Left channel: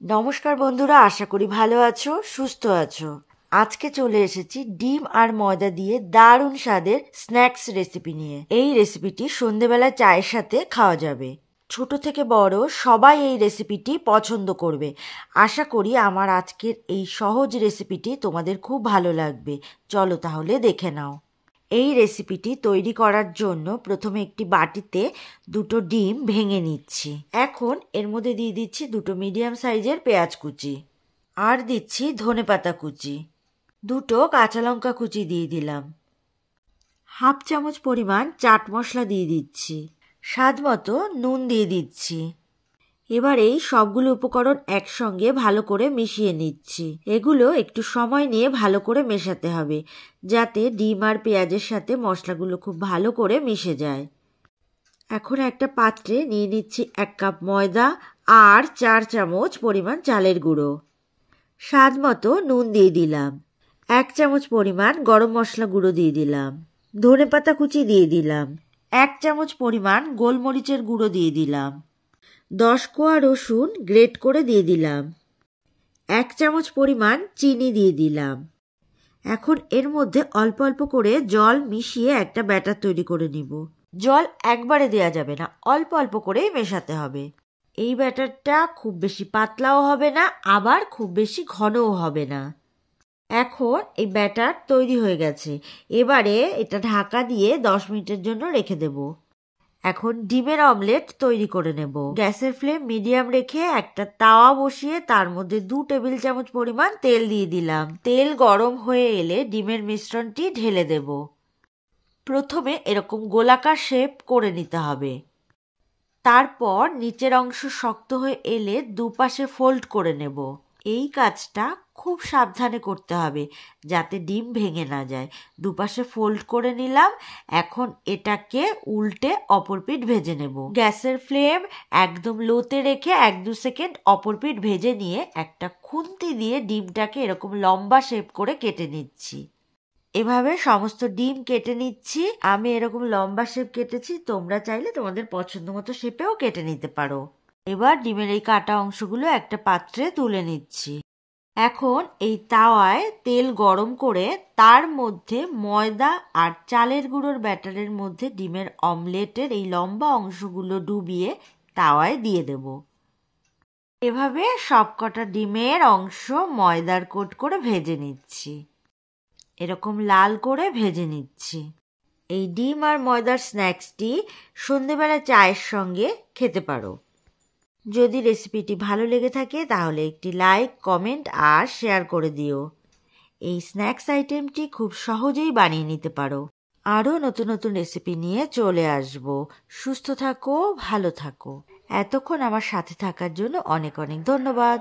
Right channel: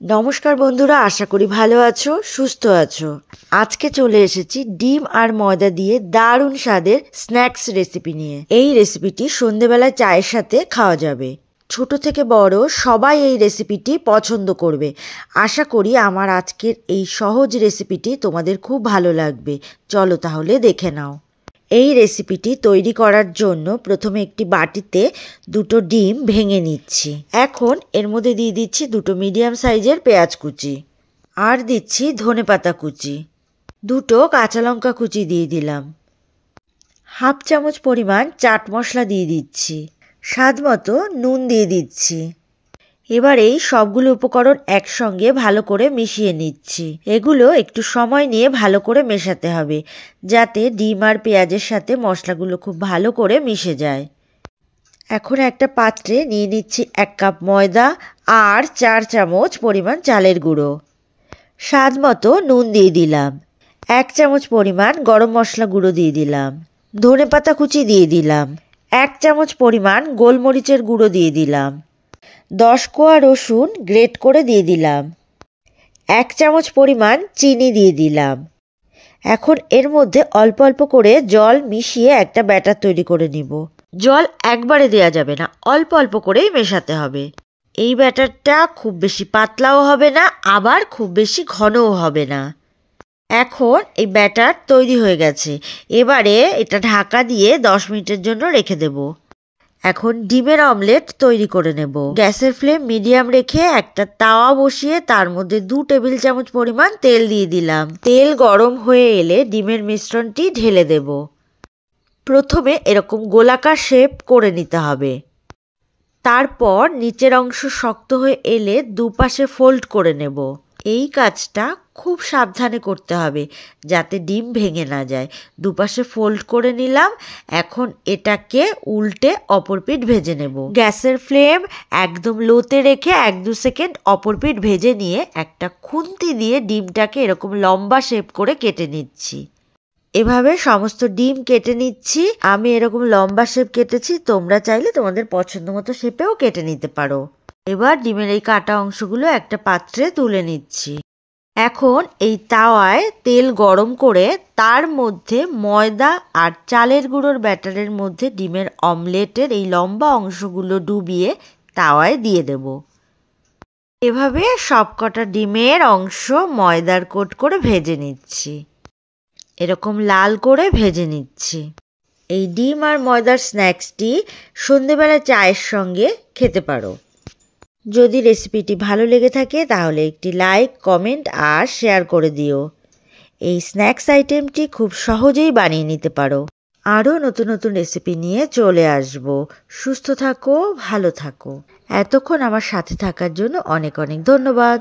নমস্কার বন্ধুরা, আশা করি ভালো আছো, সুস্থ আছো। আজকে চলে এসেছি ডিম আর ময়দা দিয়ে দারুণ স্বাদের স্ন্যাক্স রেসিপি নিয়ে। এই রেসিপিটি সন্ধেবেলা চায়ের সাথে খাওয়া যাবে। ছোট থেকে বড় সবাই এই রেসিপিটি পছন্দ করবে। আশা করি আমার আজকের এই সহজ রেসিপিটি তোমাদের খুব ভালো লাগবে। চলো তাহলে দেখে নাও। এই রেসিপিটি তৈরি করার জন্য প্রথমে একটি বাটিতে দুটো ডিম ভেঙে নিচ্ছি। এখন এর মধ্যে দিয়ে দিচ্ছি দুটো মিডিয়াম সাইজের পেঁয়াজ কুচি, আর দিচ্ছি ধনেপাতা কুচি, দুটো কাঁচা লঙ্কা কুচি দিয়ে দিলাম, হাফ চামচ পরিমাণ চাট মশলা দিয়ে দিচ্ছি, স্বাদ মতো নুন দিয়ে দিচ্ছি। এবার এই সবগুলো উপকরণ একসঙ্গে ভালো করে মিশিয়ে নিচ্ছি। এগুলো একটু সময় নিয়ে ভালো করে মেশাতে হবে, যাতে ডিম আর পেঁয়াজের সাথে মশলাগুলো খুব ভালো করে মিশে যায়। এখন একটা পাত্রে নিয়ে নিচ্ছি 1 কাপ ময়দা আর 4 চামচ পরিমাণ চালের গুঁড়ো। স্বাদ মতো নুন দিয়ে দিলাম, 1 চামচ পরিমাণ গরম মশলা গুঁড়ো দিয়ে দিলাম, ধনেপাতা কুচি দিয়ে দিলাম, 1 চামচ পরিমাণ গোলমরিচের গুঁড়ো দিয়ে দিলাম, 10 কোয়া রসুন গ্রেট করে দিয়ে দিলাম, 1 চামচ পরিমাণ চিনি দিয়ে দিলাম। এখন এর মধ্যে অল্প অল্প করে জল মিশিয়ে একটা ব্যাটার তৈরি করে নিব। জল একবারে দেয়া যাবে না, অল্প অল্প করেই মেশাতে হবে। এই ব্যাটারটা খুব বেশি পাতলাও হবে না, আবার খুব বেশি ঘনও হবে না। এখন এই ব্যাটার তৈরি হয়ে গেছে। এবারে এটা ঢাকা দিয়ে 10 মিনিটের জন্য রেখে দেব। এখন ডিমের অমলেট তৈরি করে নেব। গ্যাসের ফ্লেম মিডিয়াম রেখে একটা তাওয়া বসিয়ে তার মধ্যে 2 টেবিল চামচ পরিমাণ তেল দিয়ে দিলাম। তেল গরম হয়ে এলে ডিমের মিশ্রণটি ঢেলে দেব। প্রথমে এরকম গোলাকার শেপ করে নিতে হবে। তারপর নিচের অংশ শক্ত হয়ে এলে দুপাশে ফোল্ড করে নেব। এই কাজটা খুব সাবধানে করতে হবে যাতে ডিম ভেঙে না যায়। দুপাশে ফোল্ড করে নিলাম। এখন এটাকে উল্টে অপর পিঠ ভেজে নেব। গ্যাসের ফ্লেম একদম লোতে রেখে 1-2 সেকেন্ড অপর পিঠ ভেজে নিয়ে একটা খুন্তি দিয়ে ডিমটাকে এরকম লম্বা শেপ করে কেটে নিচ্ছি। এভাবে সমস্ত ডিম কেটে নিচ্ছি। আমি এরকম লম্বা শেপ কেটেছি, তোমরা চাইলে তোমাদের পছন্দ মতো শেপেও কেটে নিতে পারো। এবার ডিমের এই কাটা অংশগুলো একটা পাত্রে তুলে নিচ্ছি। এখন এই তাওয়ায় তেল গরম করে তার মধ্যে ময়দা আর চালের গুঁড়োর ব্যাটারের মধ্যে ডিমের অমলেটের এই লম্বা অংশগুলো ডুবিয়ে তাওয়ায় দিয়ে দেব। এভাবে সবকটা ডিমের অংশ ময়দার কোট করে ভেজে নিচ্ছি। এরকম লাল করে ভেজে নিচ্ছি। এই ডিম আর ময়দার স্ন্যাক্সটি সন্ধেবেলা চায়ের সঙ্গে খেতে পারো। যদি রেসিপিটি ভালো লেগে থাকে তাহলে একটি লাইক, কমেন্ট আর শেয়ার করে দিও। এই স্ন্যাক্স আইটেমটি খুব সহজেই বানিয়ে নিতে পারো। আরও নতুন নতুন রেসিপি নিয়ে চলে আসব। সুস্থ থাকো, ভালো থাকো। এতক্ষণ আমার সাথে থাকার জন্য অনেক অনেক ধন্যবাদ।